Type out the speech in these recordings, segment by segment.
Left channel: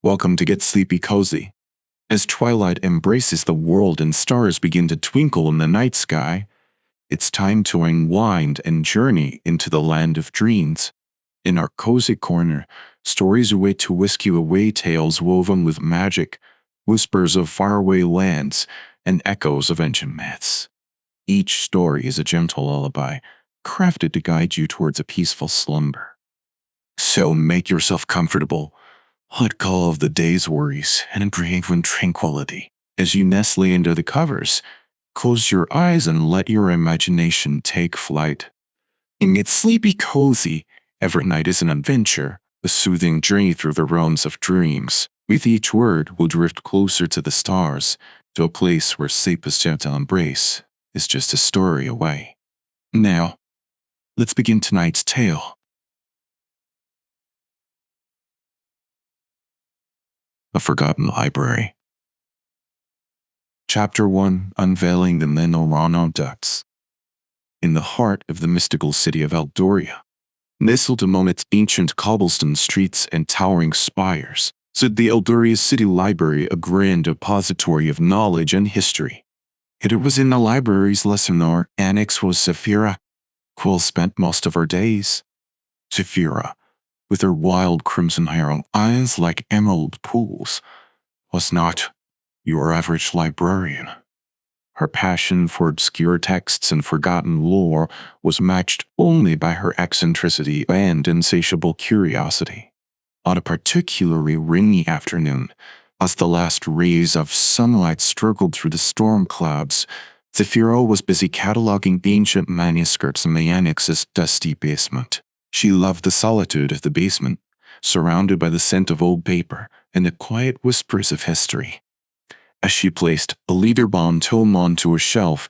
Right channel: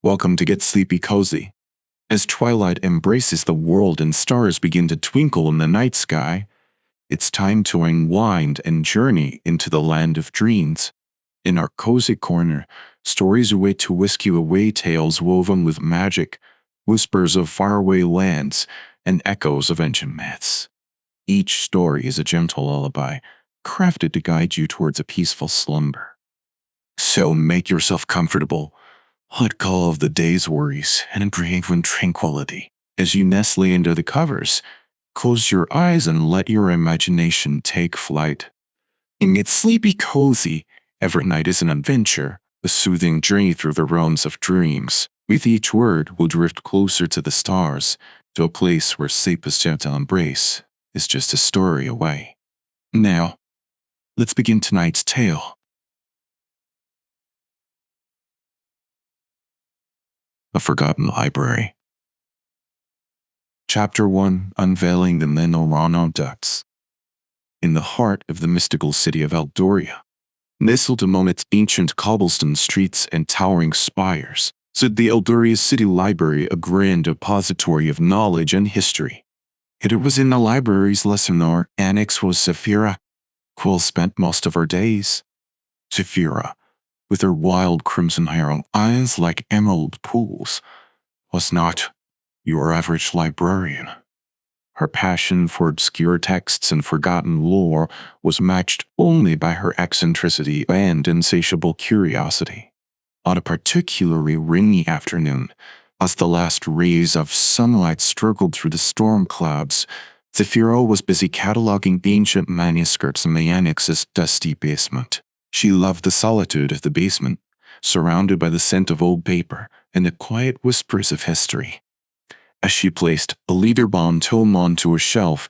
Welcome to Get Sleepy Cozy. As twilight embraces the world and stars begin to twinkle in the night sky, it's time to unwind and journey into the land of dreams. In our cozy corner, stories await to whisk you away, tales woven with magic, whispers of faraway lands, and echoes of ancient myths. Each story is a gentle lullaby, crafted to guide you towards a peaceful slumber. So make yourself comfortable. Let go of the day's worries and breathe in tranquility. As you nestle under the covers, close your eyes and let your imagination take flight. In Get Sleepy Cozy, every night is an adventure, a soothing journey through the realms of dreams. With each word, we'll drift closer to the stars, to a place where sleep's gentle embrace is just a story away. Now, let's begin tonight's tale. A Forgotten Library. Chapter 1, Unveiling the Chrono-Codex. In the heart of the mystical city of Eldoria, nestled among its ancient cobblestone streets and towering spires, stood the Eldoria City Library, a grand depository of knowledge and history. It was in the library's lesson hour annex was Zephyra, who spent most of her days. Zephyra, with her wild crimson hair and eyes like emerald pools, was not your average librarian. Her passion for obscure texts and forgotten lore was matched only by her eccentricity and insatiable curiosity. On a particularly rainy afternoon, as the last rays of sunlight struggled through the storm clouds, Zephyra was busy cataloging ancient manuscripts in the annex's dusty basement. She loved the solitude of the basement, surrounded by the scent of old paper and the quiet whispers of history. As she placed a leather-bound tome onto a shelf,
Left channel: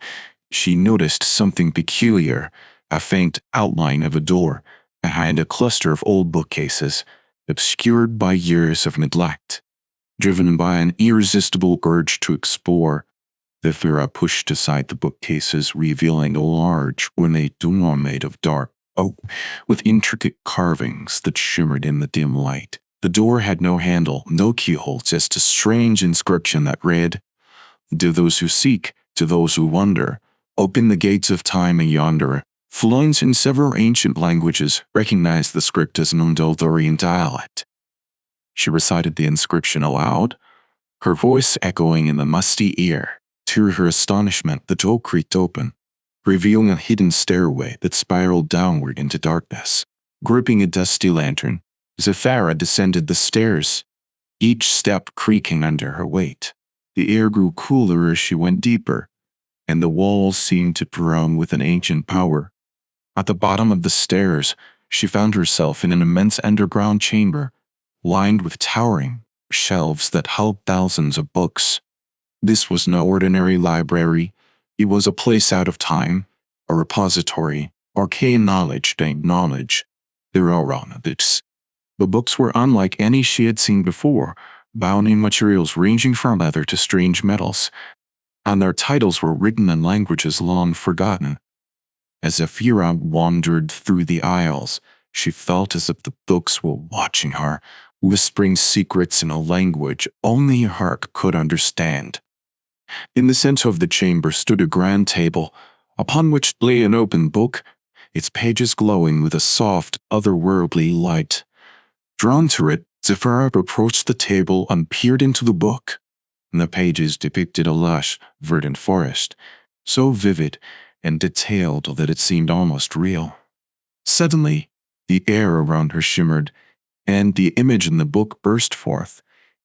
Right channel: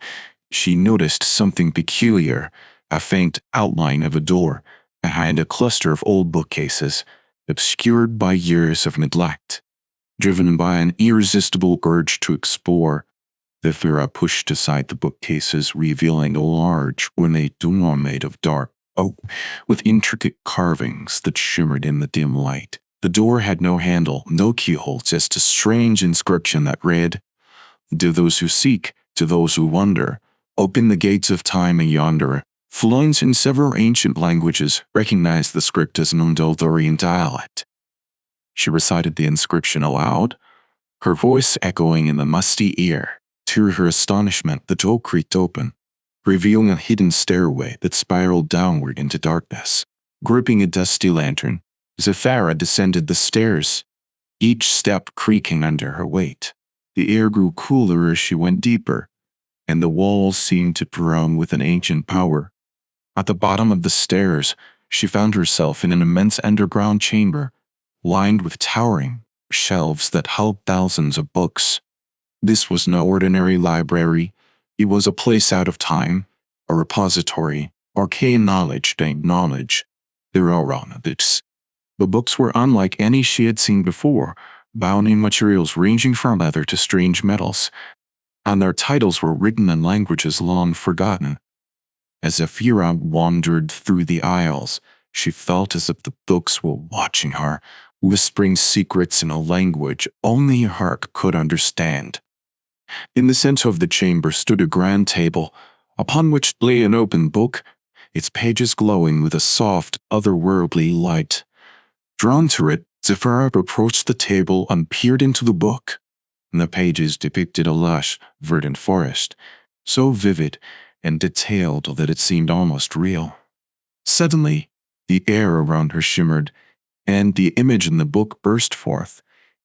she noticed something peculiar, a faint outline of a door behind a cluster of old bookcases, obscured by years of neglect. Driven by an irresistible urge to explore, Zephyra pushed aside the bookcases, revealing a large, ornate door made of dark oak, with intricate carvings that shimmered in the dim light. The door had no handle, no keyhole, just a strange inscription that read, "To those who seek, to those who wonder, open the gates of time and yonder." Fluent in several ancient languages, recognized the script as an Eldorian dialect. She recited the inscription aloud, her voice echoing in the musty ear. To her astonishment, the door creaked open, revealing a hidden stairway that spiraled downward into darkness. Gripping a dusty lantern, Zephyra descended the stairs, each step creaking under her weight. The air grew cooler as she went deeper, and the walls seemed to groan with an ancient power. At the bottom of the stairs, she found herself in an immense underground chamber, lined with towering shelves that held thousands of books. This was no ordinary library. It was a place out of time, a repository, arcane knowledge named knowledge. There were around this. The books were unlike any she had seen before, bound in materials ranging from leather to strange metals, and their titles were written in languages long forgotten. As Zephyra wandered through the aisles, she felt as if the books were watching her, whispering secrets in a language only her could understand. In the center of the chamber stood a grand table, upon which lay an open book, its pages glowing with a soft, otherworldly light. Drawn to it, Zephyra approached the table and peered into the book. The pages depicted a lush, verdant forest, so vivid and detailed that it seemed almost real. Suddenly, the air around her shimmered, and the image in the book burst forth,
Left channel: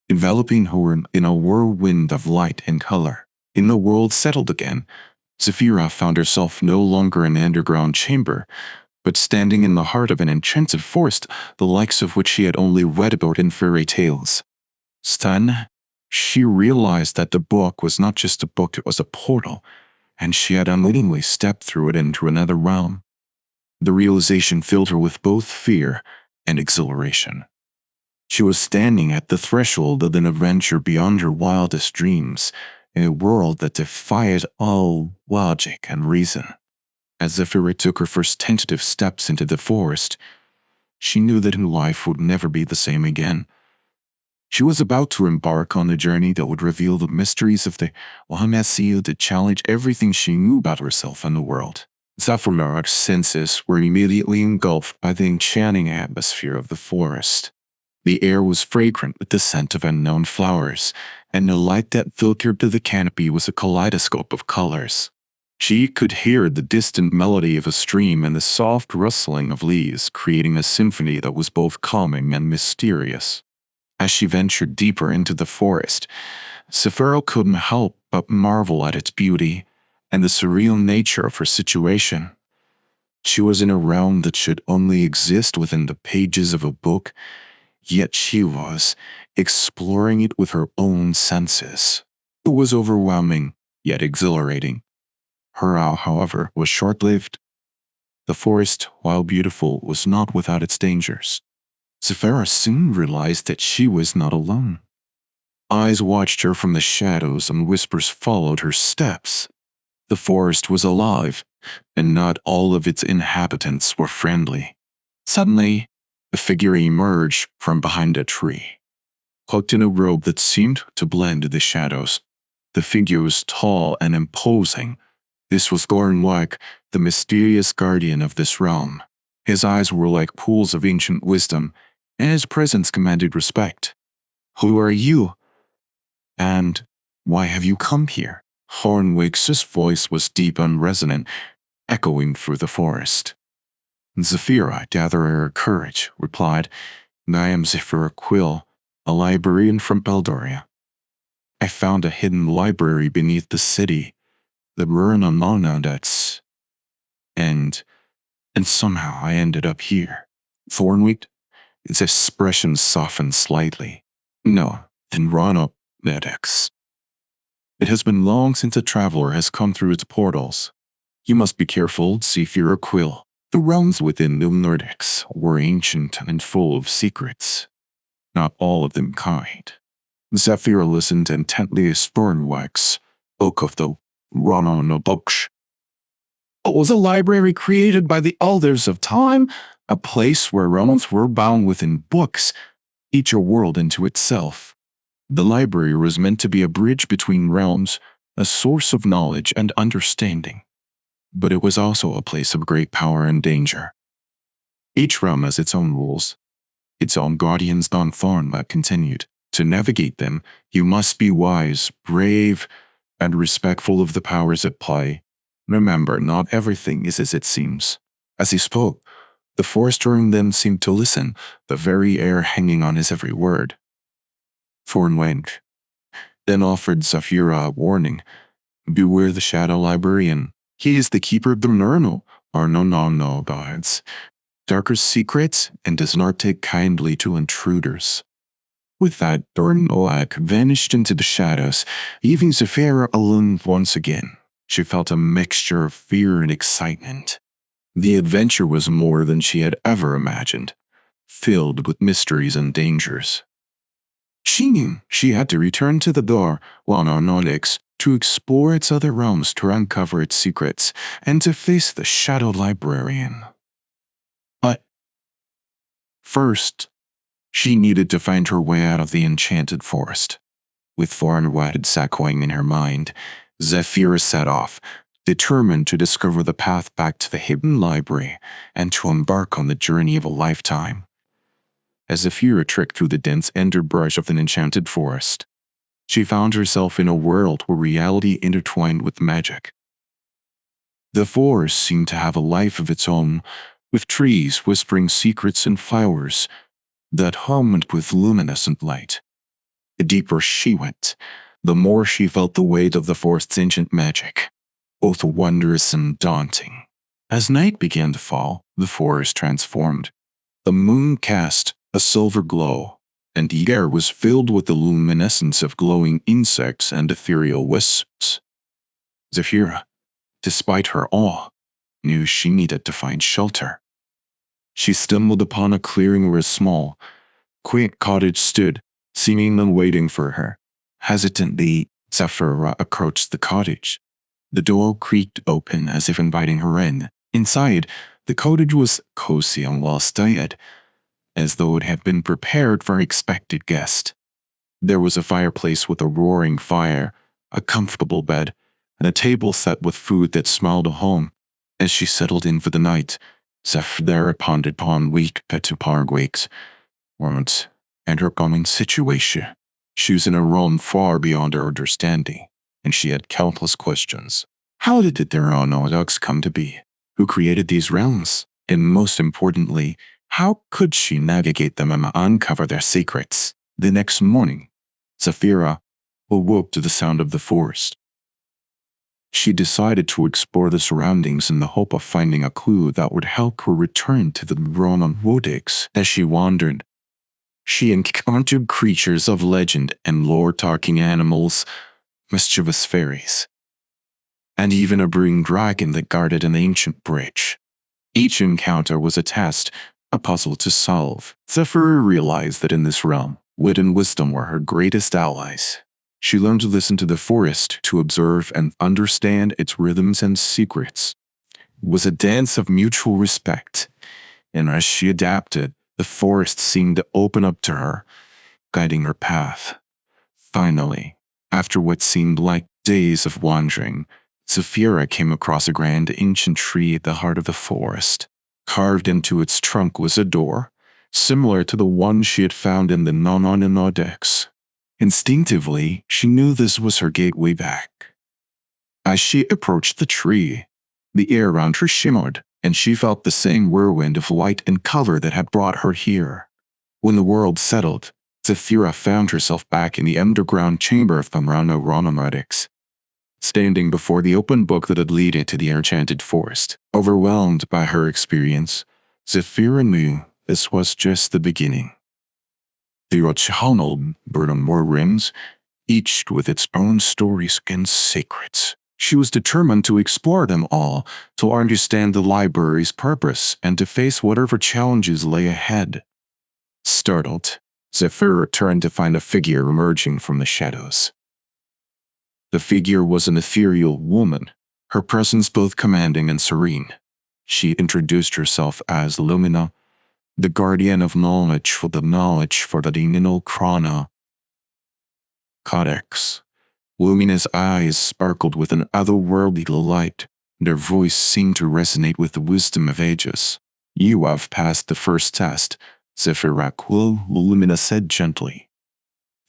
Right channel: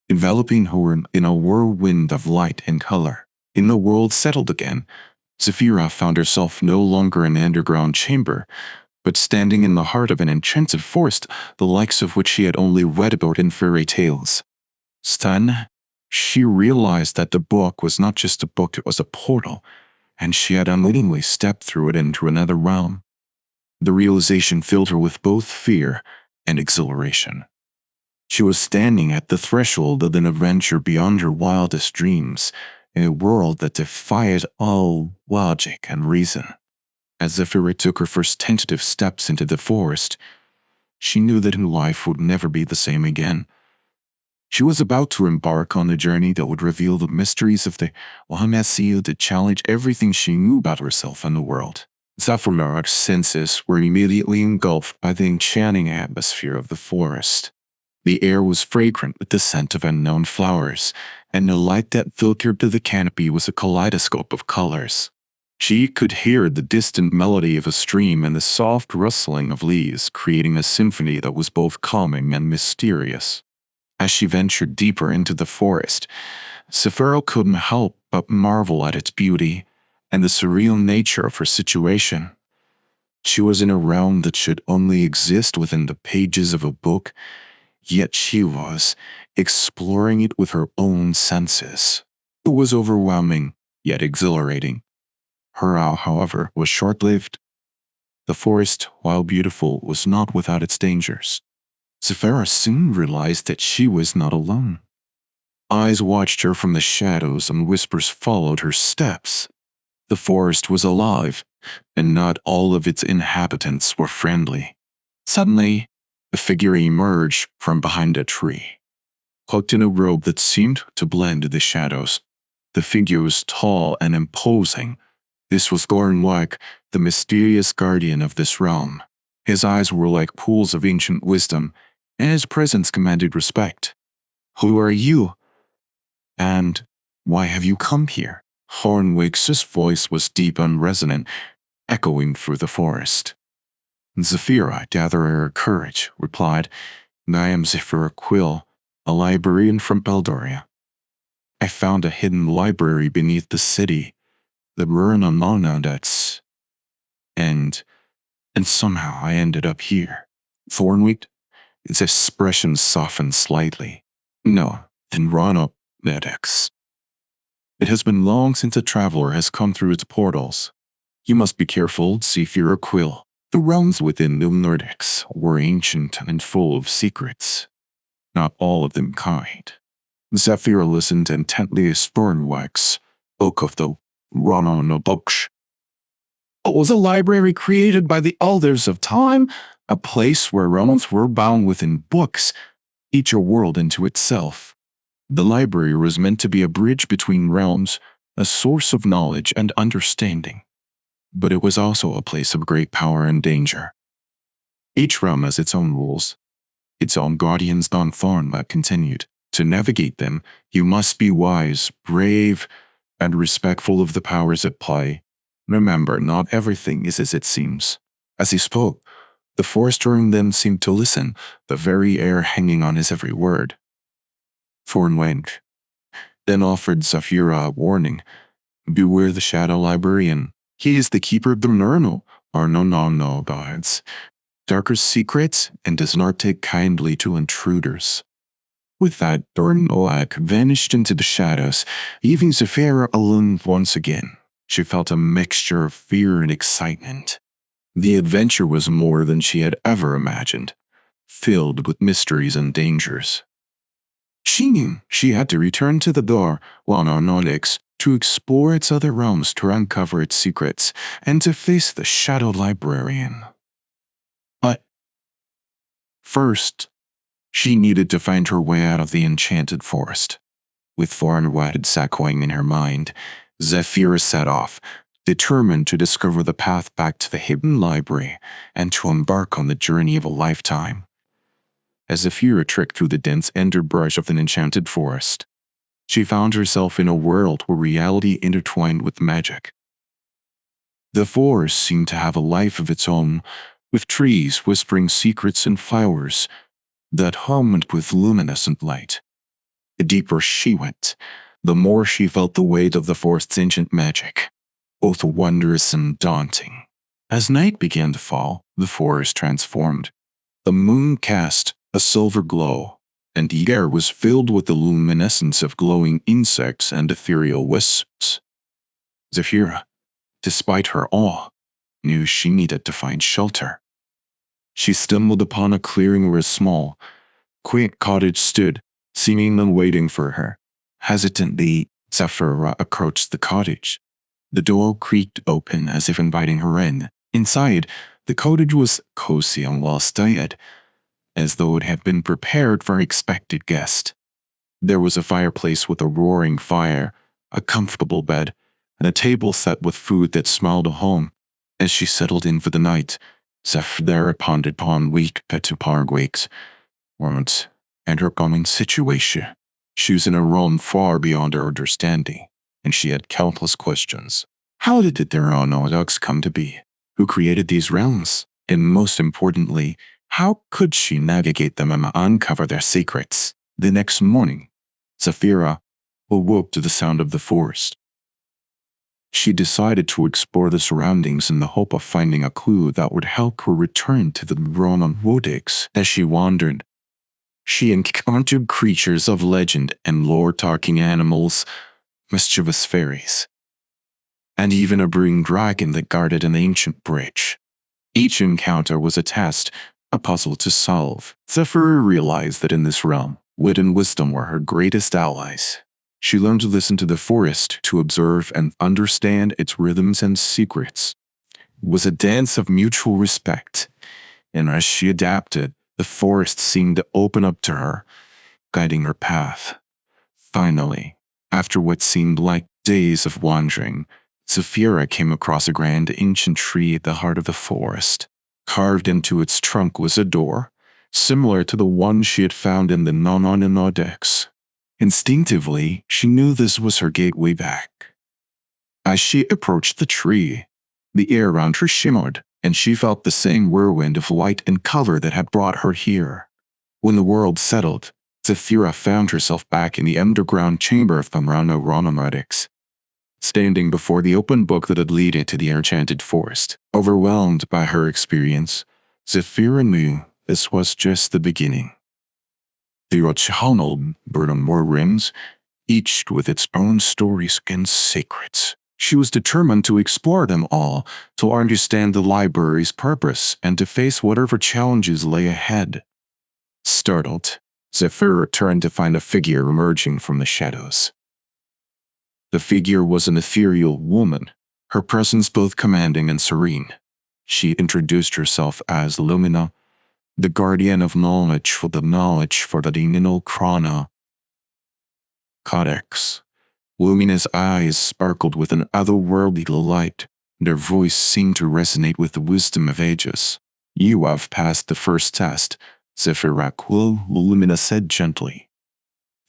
enveloping her in a whirlwind of light and color. In the world settled again, Zephyra found herself no longer in an underground chamber, but standing in the heart of an enchanted forest, the likes of which she had only read about in fairy tales. Stunned, she realized that the book was not just a book, it was a portal, and she had unwittingly stepped through it into another realm. The realization filled her with both fear and exhilaration. She was standing at the threshold of an adventure beyond her wildest dreams, in a world that defied all logic and reason. As Zephyra took her first tentative steps into the forest, she knew that her life would never be the same again. She was about to embark on a journey that would reveal the mysteries of the Wahamasiu that challenge everything she knew about herself and the world. Zephyr's senses were immediately engulfed by the enchanting atmosphere of the forest. The air was fragrant with the scent of unknown flowers, and the light that filtered through the canopy was a kaleidoscope of colors. She could hear the distant melody of a stream and the soft rustling of leaves, creating a symphony that was both calming and mysterious. As she ventured deeper into the forest, Zephyra couldn't help but marvel at its beauty and the surreal nature of her situation. She was in a realm that should only exist within the pages of a book, yet she was exploring it with her own senses. It was overwhelming, yet exhilarating. Her awe, however, was short-lived. The forest, while beautiful, was not without its dangers. Zephyra soon realized that she was not alone. Eyes watched her from the shadows and whispers followed her steps. The forest was alive, and not all of its inhabitants were friendly. Suddenly, a figure emerged from behind a tree, cloaked in a robe that seemed to blend the shadows. The figure was tall and imposing. This was Thornwick, the mysterious guardian of this realm. His eyes were like pools of ancient wisdom, and his presence commanded respect. "Who are you? And why have you come here?" Thornwick's voice was deep and resonant, echoing through the forest. Zephyra, gathering her courage, replied, "I am Zephyra Quill, a librarian from Beldoria. I found a hidden library beneath the city, the Chrono-Codex, and somehow I ended up here." Thornwick, its expression softened slightly. "No, the Chrono-Codex. It has been long since a traveler has come through its portals. You must be careful, Zephyra Quill. The realms within the Nordics were ancient and full of secrets, not all of them kind." Zephyra listened intently as Thornwick spoke of the Chrono-Codex. It was a library created by the elders of time, a place where realms were bound within books, each a world into itself. The library was meant to be a bridge between realms, a source of knowledge and understanding. But it was also a place of great power and danger. Each realm has its own rules, its own guardians. Don Thornwick continued. To navigate them, you must be wise, brave, and respectful of the powers at play. Remember, not everything is as it seems. As he spoke, the forest around them seemed to listen, the very air hanging on his every word. Thornwick then offered Zephyra a warning. "Beware the Shadow Librarian. He is the keeper of the Nurnal, or no gods, darker secrets, and does not take kindly to intruders." With that, Thornwick vanished into the shadows, leaving Zephyra alone once again. She felt a mixture of fear and excitement. The adventure was more than she had ever imagined, filled with mysteries and dangers. She knew she had to return to the door, Chrono-Codex, to explore its other realms, to uncover its secrets, and to face the Shadow Librarian. But first, she needed to find her way out of the enchanted forest. With Thornwick echoing in her mind, Zephyra set off, determined to discover the path back to the hidden library and to embark on the journey of a lifetime. As Zephyra trekked through the dense underbrush of an enchanted forest, she found herself in a world where reality intertwined with magic. The forest seemed to have a life of its own, with trees whispering secrets and flowers that hummed with luminescent light. The deeper she went, the more she felt the weight of the forest's ancient magic, both wondrous and daunting. As night began to fall, the forest transformed. The moon cast a silver glow, and the air was filled with the luminescence of glowing insects and ethereal wisps. Zephyra, despite her awe, knew she needed to find shelter. She stumbled upon a clearing where a small, quaint cottage stood, seemingly waiting for her. Hesitantly, Zephyra approached the cottage. The door creaked open as if inviting her in. Inside, the cottage was cozy and well-styled, as though it had been prepared for an expected guest. There was a fireplace with a roaring fire, a comfortable bed, and a table set with food that smelled of home. As she settled in for the night, Zephyr pondered upon weak Petupargue's words and her coming situation. She was in a realm far beyond her understanding, and she had countless questions. How did the Chrono-Codex come to be? Who created these realms? And most importantly, how could she navigate them and uncover their secrets? The next morning, Zephyr awoke to the sound of the forest. She decided to explore the surroundings in the hope of finding a clue that would help her return to the Chrono-Codex. As she wandered, she encountered creatures of legend and lore, talking animals, mischievous fairies, and even a brewing dragon that guarded an ancient bridge. Each encounter was a test, a puzzle to solve. Zephyr realized that in this realm, wit and wisdom were her greatest allies. She learned to listen to the forest, to observe and understand its rhythms and secrets. It was a dance of mutual respect, and as she adapted, the forest seemed to open up to her, guiding her path. Finally, after what seemed like days of wandering, Zephyr came across a grand ancient tree at the heart of the forest. Carved into its trunk was a door, similar to the one she had found in the Chrono-Codex. Instinctively, she knew this was her gateway back. As she approached the tree, the air around her shimmered, and she felt the same whirlwind of light and color that had brought her here. When the world settled, Zephyr found herself back in the underground chamber of the Chrono-Codex, standing before the open book that had led into the enchanted forest. Overwhelmed by her experience, Zephyr knew this was just the beginning. The original burdened more rooms, each with its own stories and secrets. She was determined to explore them all, to understand the library's purpose, and to face whatever challenges lay ahead. Startled, Zephyr turned to find a figure emerging from the shadows. The figure was an ethereal woman, her presence both commanding and serene. She introduced herself as Lumina, the guardian of knowledge for the Chrono-Codex. Lumina's eyes sparkled with an otherworldly light. Their voice seemed to resonate with the wisdom of ages. You have passed the first test, Zephyr, Lumina said gently.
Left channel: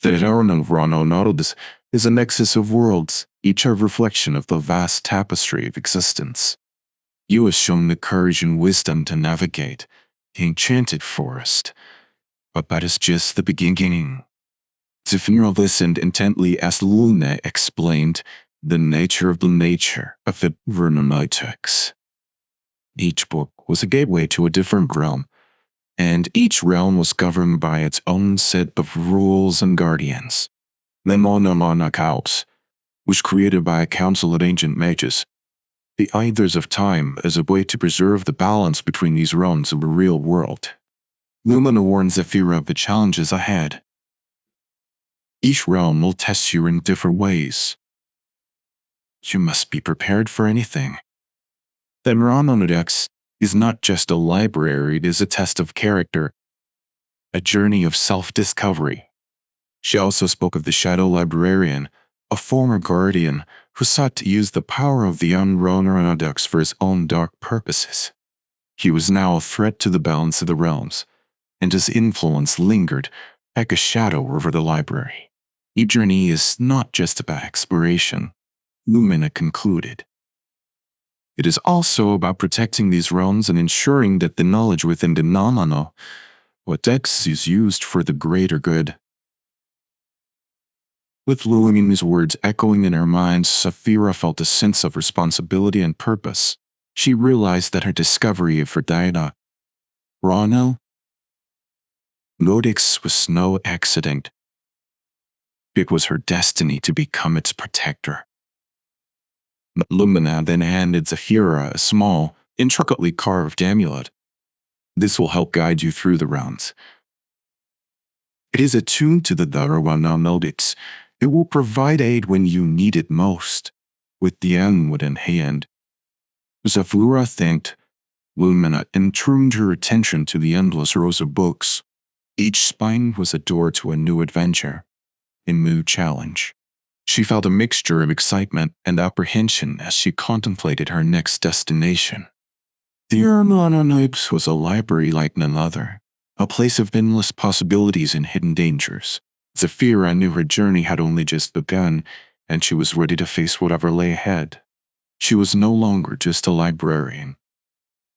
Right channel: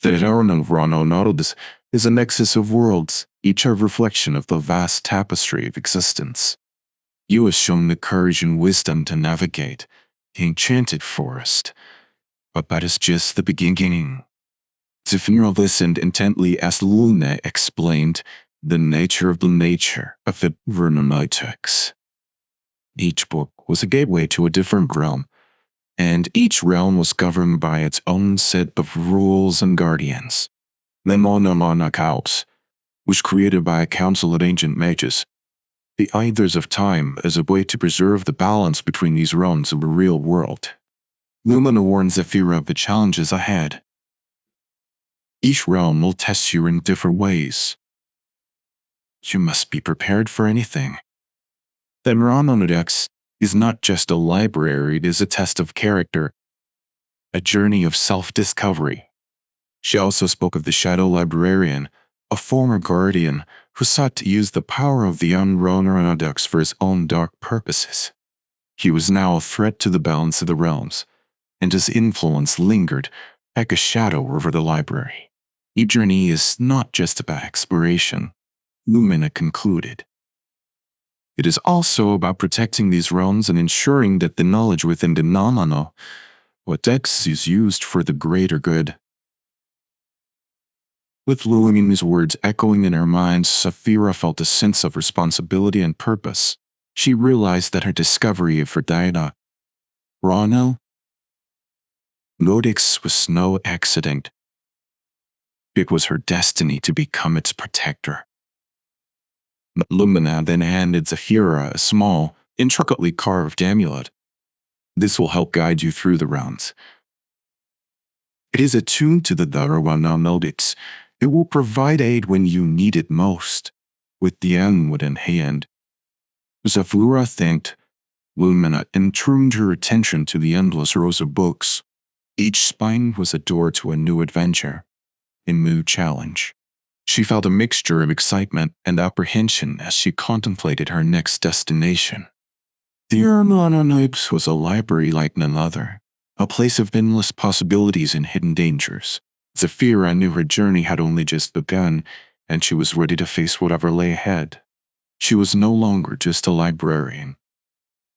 The Chrono-Codex is a nexus of worlds, each a reflection of the vast tapestry of existence. You have shown the courage and wisdom to navigate the enchanted forest, but that is just the beginning. Zephyr listened intently as Luna explained the nature of the Chrono-Codex. Each book was a gateway to a different realm, and each realm was governed by its own set of rules and guardians. The Chrono-Codex was created by a council of ancient mages, the Elders of Time, as a way to preserve the balance between these realms of the real world. Lumina warned Zephyr of the challenges ahead. Each realm will test you in different ways. You must be prepared for anything. The Chrono-Codex is not just a library, it is a test of character, a journey of self-discovery. She also spoke of the Shadow Librarian, a former guardian who sought to use the power of the Chrono-Codex for his own dark purposes. He was now a threat to the balance of the realms, and his influence lingered like a shadow over the library. Each journey is not just about exploration, Lumina concluded. It is also about protecting these realms and ensuring that the knowledge within the Chrono-Codex is used for the greater good. With Lumina's words echoing in her mind, Zephyr felt a sense of responsibility and purpose. She realized that her discovery of her Chrono-Codex was no accident. It was her destiny to become its protector. Lumina then handed Zephyr a small, intricately carved amulet. This will help guide you through the rounds. It is attuned to the Chrono-Codex. It will provide aid when you need it most. With the amulet in hand, Zephyr thanked Lumina and turned her attention to the endless rows of books. Each spine was a door to a new adventure. in mood challenge. She felt a mixture of excitement and apprehension as she contemplated her next destination. The Chrono-Codex was a library like none other, a place of endless possibilities and hidden dangers. Zafira knew her journey had only just begun, and she was ready to face whatever lay ahead. She was no longer just a librarian.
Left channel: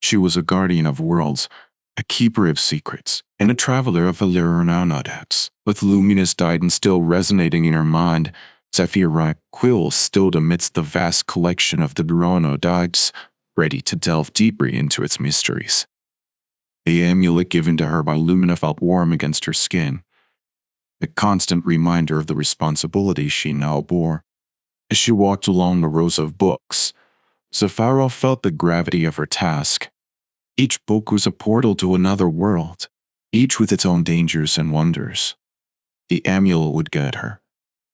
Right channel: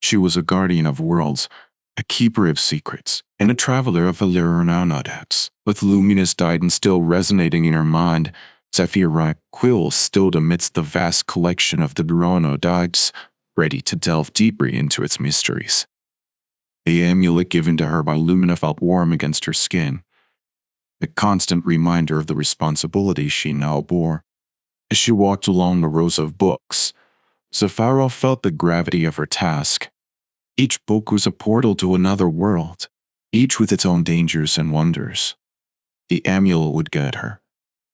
She was a guardian of worlds, a keeper of secrets, and a traveler of the Chrono-Codex. With luminous guidance still resonating in her mind, Zafira Quill stood amidst the vast collection of the Chrono-Codex, ready to delve deeper into its mysteries. The amulet given to her by Lumina felt warm against her skin, a constant reminder of the responsibility she now bore. As she walked along the rows of books, Zafira felt the gravity of her task. Each book was a portal to another world, each with its own dangers and wonders. The amulet would guide her,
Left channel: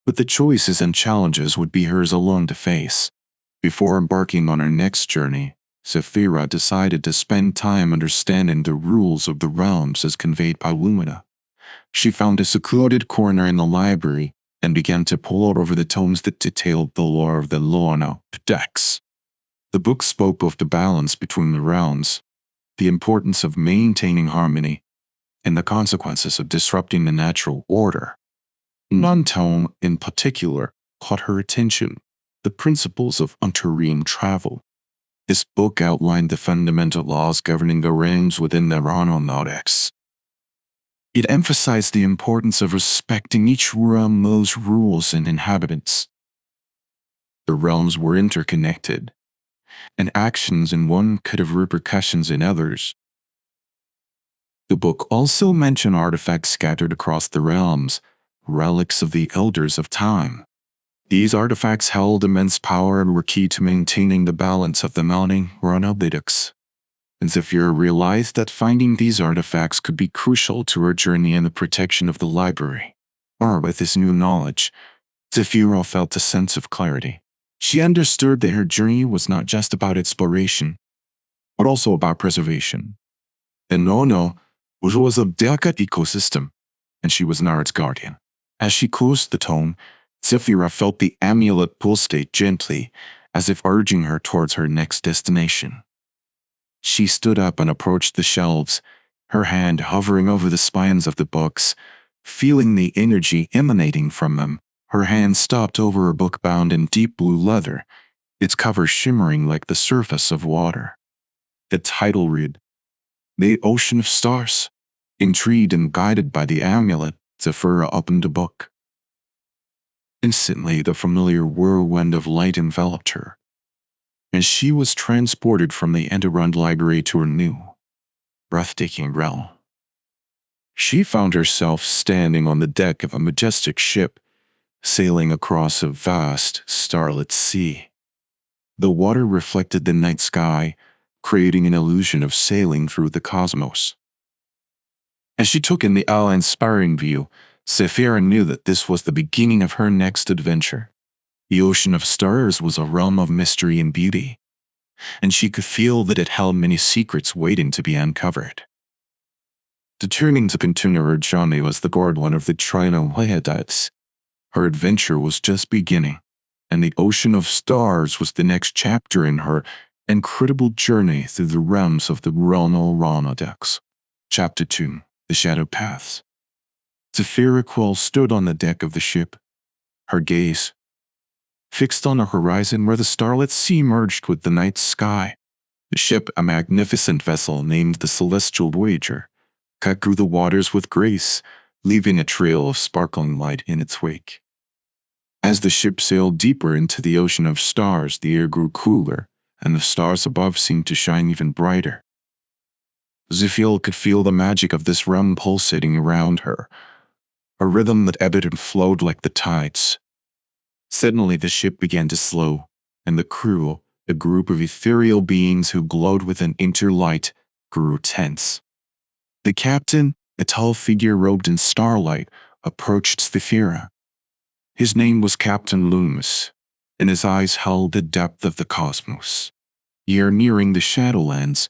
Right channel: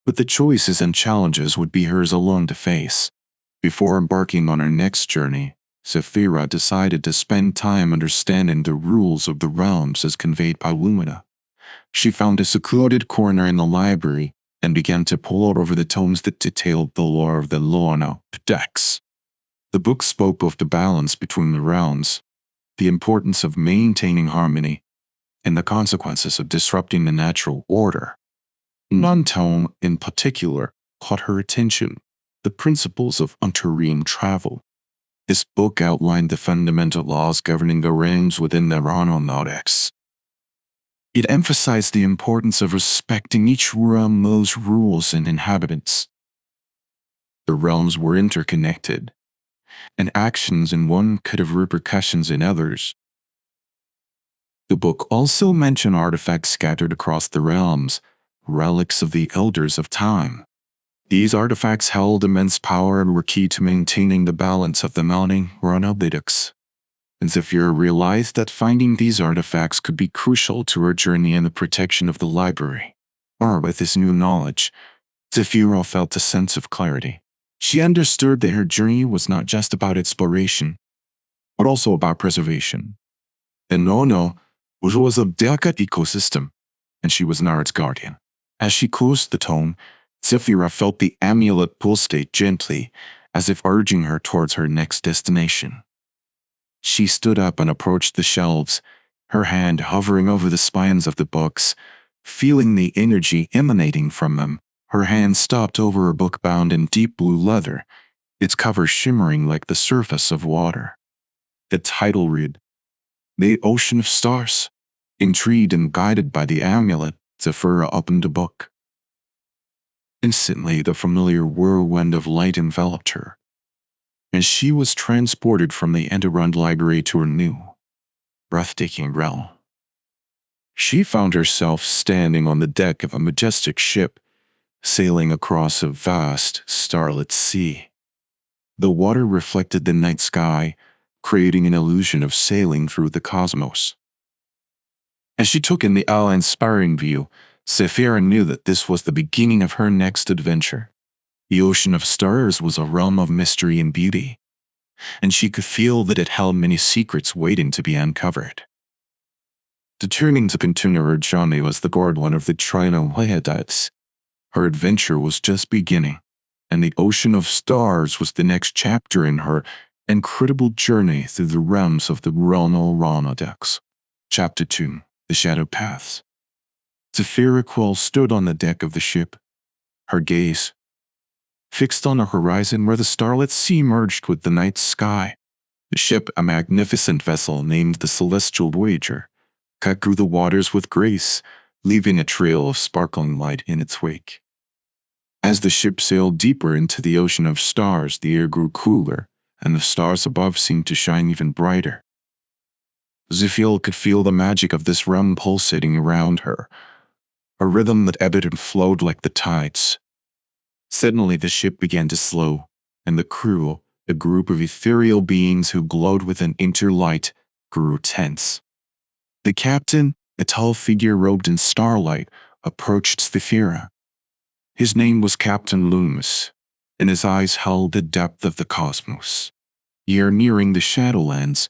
but the choices and challenges would be hers alone to face. Before embarking on her next journey, Zafira decided to spend time understanding the rules of the realms as conveyed by Lumina. She found a secluded corner in the library and began to pore over the tomes that detailed the lore of the Chrono-Codex. The book spoke of the balance between the realms, the importance of maintaining harmony, and the consequences of disrupting the natural order. One tome, in particular, caught her attention: the principles of unterrene travel. This book outlined the fundamental laws governing the realms within the Chrono-Codex. It emphasized the importance of respecting each realm's rules and inhabitants. The realms were interconnected, and actions in one could have repercussions in others. The book also mentioned artifacts scattered across the realms, relics of the Elders of Time. These artifacts held immense power and were key to maintaining the balance of the mounting Chrono-Codex. And Zafira realized that finding these artifacts could be crucial to her journey and the protection of the library. With this new knowledge, Zafira felt a sense of clarity. She understood that her journey was not just about exploration, but also about preservation. And Ono was a delicate ecosystem, and she was now its guardian. As she closed the tome, Zafira felt the amulet pulsate gently, as if urging her towards her next destination. She stood up and approached the shelves, her hand hovering over the spines of the books, feeling the energy emanating from them. Her hand stopped over a book bound in deep blue leather, its cover shimmering like the surface of water. The title read, "The Ocean of Stars." Intrigued and guided by the amulet, Zafira opened the book. Instantly, the familiar whirlwind of light enveloped her, and she was transported from the underground library to a new, breathtaking realm. She found herself standing on the deck of a majestic ship, sailing across a vast, starlit sea. The water reflected the night sky, creating an illusion of sailing through the cosmos. As she took in the awe-inspiring view, Zafira knew that this was the beginning of her next adventure. The Ocean of Stars was a realm of mystery and beauty, and she could feel that it held many secrets waiting to be uncovered. Determined to continue her journey was the guardian of the Chrono-Codex. Her adventure was just beginning, and the Ocean of Stars was the next chapter in her incredible journey through the realms of the Chrono-Codex. Chapter 2: The Shadow Paths. Zafira Quill stood on the deck of the ship, her gaze fixed on a horizon where the starlit sea merged with the night sky. The ship, a magnificent vessel named the Celestial Voyager, cut through the waters with grace, leaving a trail of sparkling light in its wake. As the ship sailed deeper into the Ocean of Stars, the air grew cooler, and the stars above seemed to shine even brighter. Zafira could feel the magic of this realm pulsating around her, a rhythm that ebbed and flowed like the tides. Suddenly the ship began to slow, and the crew, a group of ethereal beings who glowed with an inner light, grew tense. The captain, a tall figure robed in starlight, approached Zafira. His name was Captain Loomis, and his eyes held the depth of the cosmos. "You're nearing the Shadowlands,"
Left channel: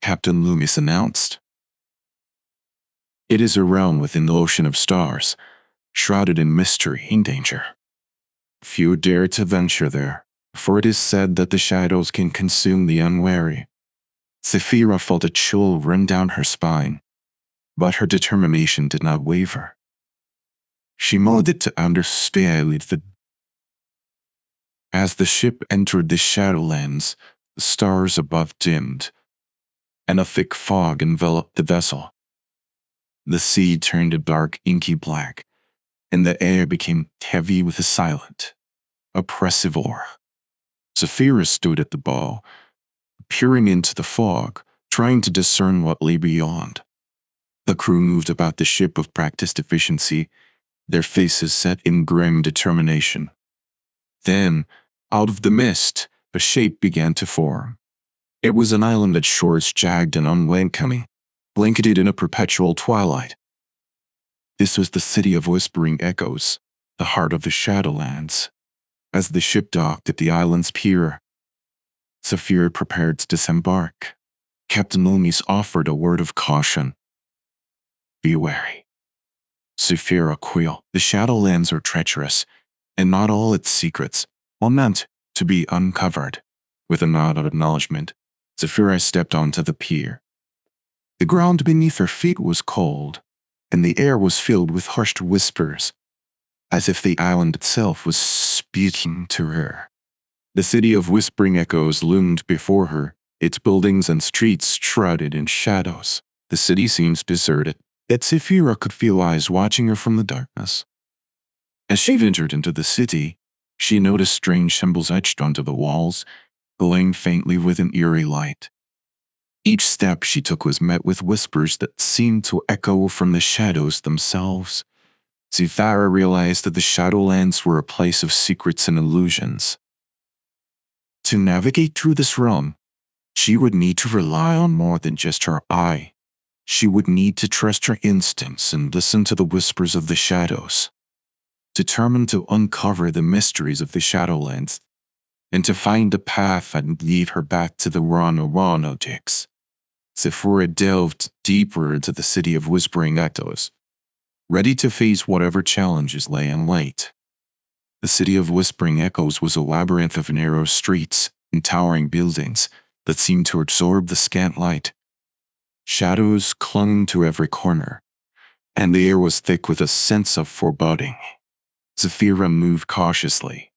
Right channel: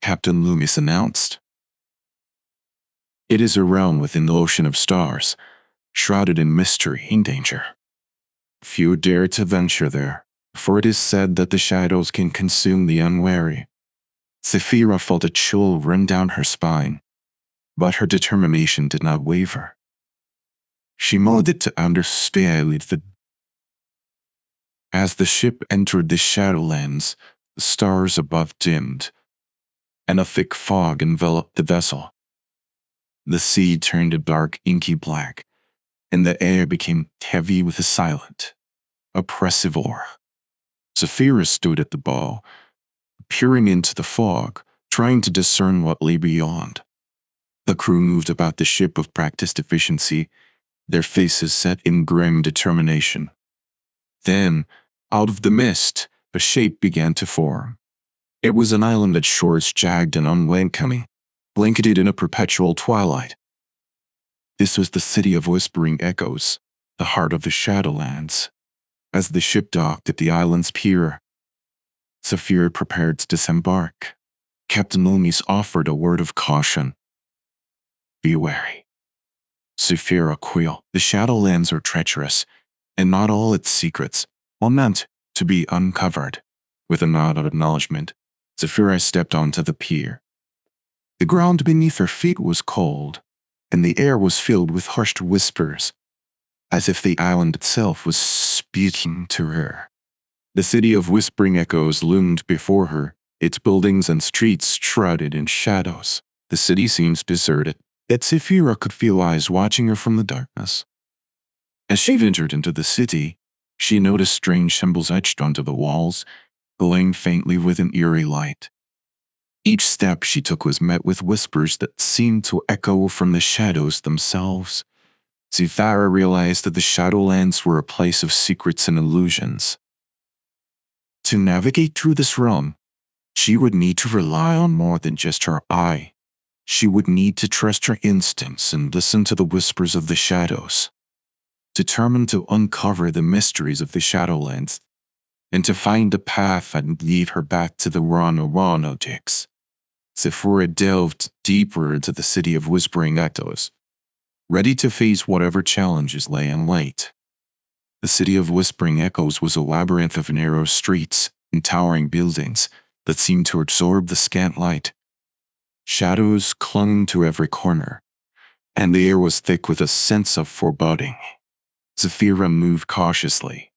Captain Loomis announced. "It is a realm within the Ocean of Stars, shrouded in mystery and danger. Few dare to venture there, for it is said that the shadows can consume the unwary. Zephyra felt a chill run down her spine, but her determination did not waver. She molded to understand the. As the ship entered the Shadowlands, the stars above dimmed, and a thick fog enveloped the vessel. The sea turned a dark, inky black, and the air became heavy with a silent, oppressive aura. Zephyra stood at the bow, peering into the fog, trying to discern what lay beyond. The crew moved about the ship with practiced efficiency, their faces set in grim determination. Then, out of the mist, a shape began to form. It was an island its shores jagged and unwelcoming, blanketed in a perpetual twilight. This was the city of Whispering Echoes, the heart of the Shadowlands. As the ship docked at the island's pier, Zephyra prepared to disembark. Captain Loomis offered a word of caution. Be wary. Zephyra quailed. The Shadowlands are treacherous, and not all its secrets are meant to be uncovered. With a nod of acknowledgement, Zephyra stepped onto the pier. The ground beneath her feet was cold, and the air was filled with hushed whispers, as if the island itself was speaking to her. The city of Whispering Echoes loomed before her, its buildings and streets shrouded in shadows. The city seemed deserted, yet Zephyra could feel eyes watching her from the darkness. As she ventured into the city, she noticed strange symbols etched onto the walls, glowing faintly with an eerie light. Each step she took was met with whispers that seemed to echo from the shadows themselves. Zephyra realized that the Shadowlands were a place of secrets and illusions. To navigate through this realm, she would need to rely on more than just her eye. She would need to trust her instincts and listen to the whispers of the shadows. Determined to uncover the mysteries of the Shadowlands, and to find a path that would lead her back to the Chrono-Codex, Zephyra delved deeper into the city of Whispering Echoes, ready to face whatever challenges lay in wait. The city of Whispering Echoes was a labyrinth of narrow streets and towering buildings that seemed to absorb the scant light. Shadows clung to every corner, and the air was thick with a sense of foreboding. Zephyra moved cautiously,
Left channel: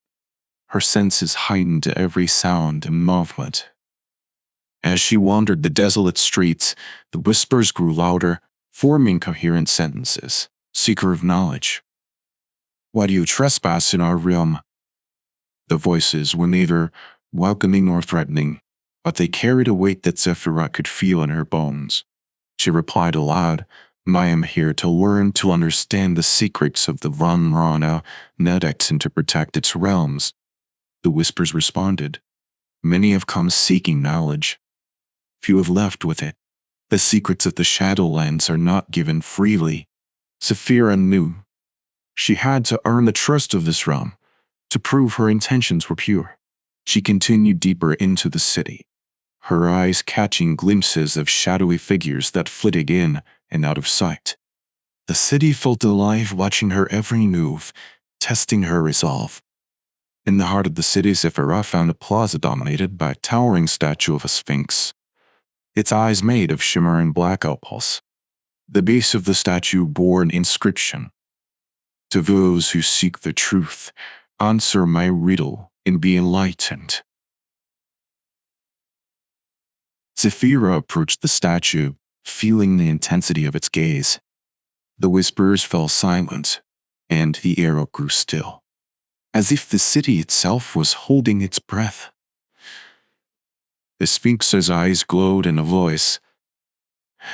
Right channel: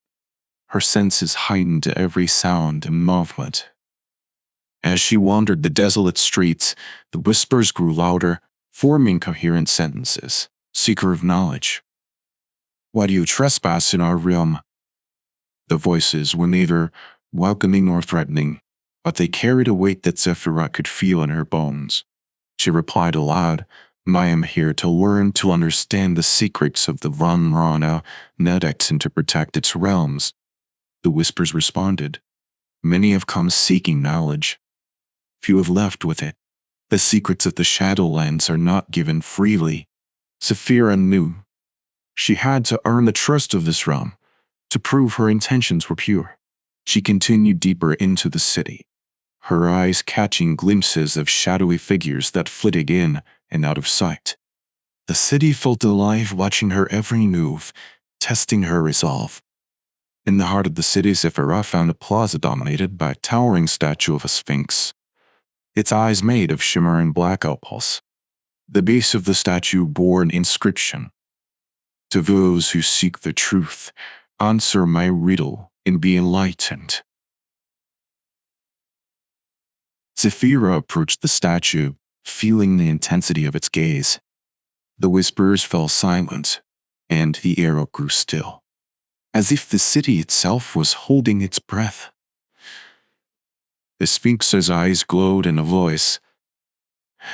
her senses heightened to every sound and movement. As she wandered the desolate streets, the whispers grew louder, forming coherent sentences. Seeker of knowledge. Why do you trespass in our realm? The voices were neither welcoming nor threatening, but they carried a weight that Zephyra could feel in her bones. She replied aloud, I am here to learn to understand the secrets of the Chrono-Codex and to protect its realms. The whispers responded, many have come seeking knowledge. Few have left with it. The secrets of the Shadowlands are not given freely. Zephyra knew she had to earn the trust of this realm, to prove her intentions were pure. She continued deeper into the city, her eyes catching glimpses of shadowy figures that flitted in and out of sight. The city felt alive, watching her every move, testing her resolve. In the heart of the city, Zephyra found a plaza dominated by a towering statue of a sphinx, its eyes made of shimmering black opals. The base of the statue bore an inscription, to those who seek the truth, answer my riddle and be enlightened. Zephyra approached the statue, feeling the intensity of its gaze. The whispers fell silent, and the air grew still, as if the city itself was holding its breath. The Sphinx's eyes glowed, and a voice,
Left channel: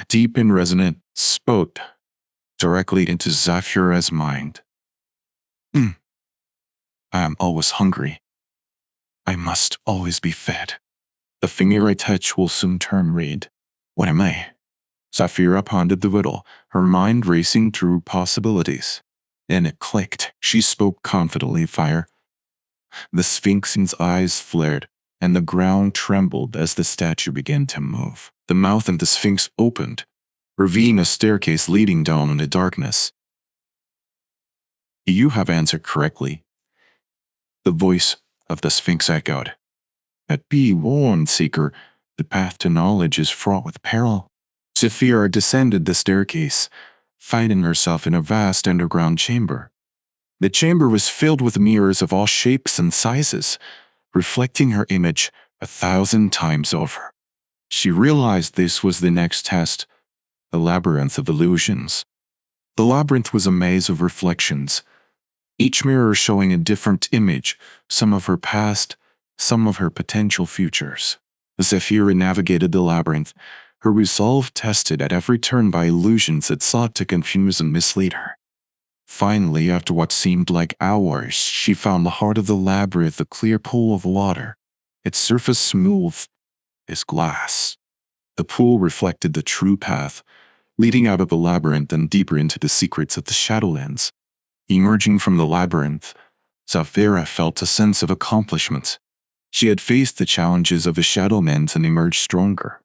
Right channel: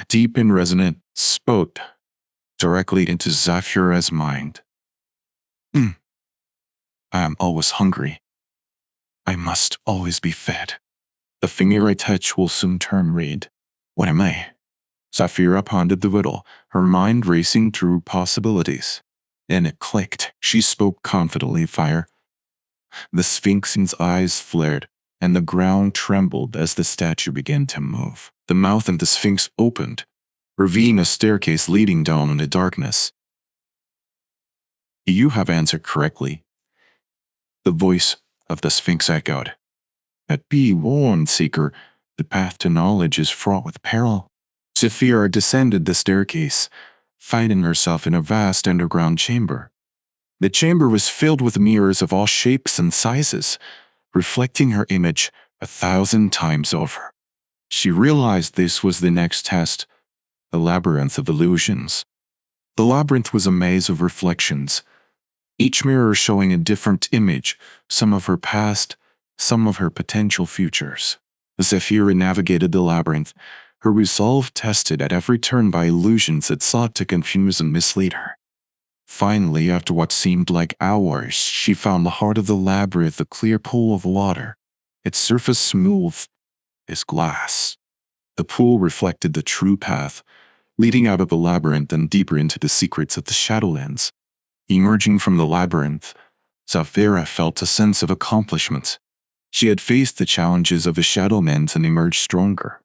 deep and resonant, spoke directly into Zephyra's mind. I am always hungry. I must always be fed. The finger I touch will soon turn red. What am I? Zephyra pondered the riddle, her mind racing through possibilities. And it clicked. She spoke confidently, fire. The Sphinx's eyes flared, and the ground trembled as the statue began to move. The mouth of the Sphinx opened, revealing a staircase leading down into darkness. You have answered correctly, the voice of the Sphinx echoed. But be warned, seeker, the path to knowledge is fraught with peril. Zephyra descended the staircase, finding herself in a vast underground chamber. The chamber was filled with mirrors of all shapes and sizes, reflecting her image 1,000 times over. She realized this was the next test, the labyrinth of illusions. The labyrinth was a maze of reflections, each mirror showing a different image, some of her past, some of her potential futures. Zephyra navigated the labyrinth, her resolve tested at every turn by illusions that sought to confuse and mislead her. Finally, after what seemed like hours, she found the heart of the labyrinth, a clear pool of water, its surface smooth as glass. The pool reflected the true path, leading out of the labyrinth and deeper into the secrets of the Shadowlands. Emerging from the labyrinth, Zephyra felt a sense of accomplishment. She had faced the challenges of the Shadowlands and emerged stronger.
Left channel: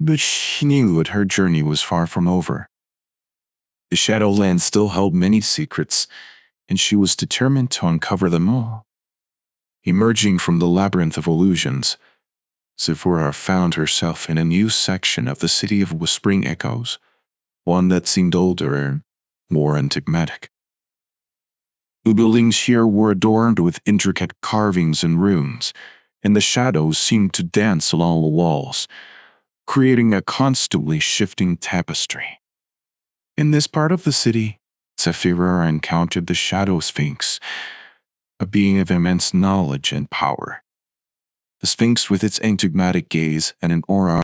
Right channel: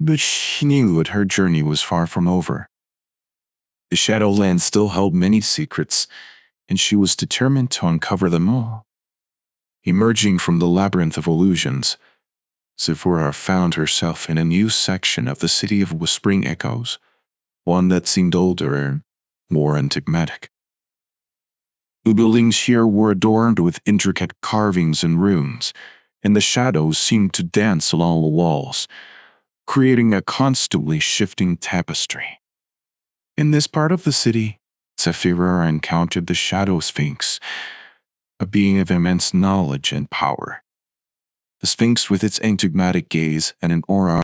But she knew that her journey was far from over. The Shadowlands still held many secrets, and she was determined to uncover them all. Emerging from the labyrinth of illusions, Zephyra found herself in a new section of the city of whispering echoes, one that seemed older and more enigmatic. The buildings here were adorned with intricate carvings and runes, and the shadows seemed to dance along the walls, creating a constantly shifting tapestry. In this part of the city, Zephyra encountered the Shadow Sphinx, a being of immense knowledge and power. The Sphinx, with its enigmatic gaze and an aura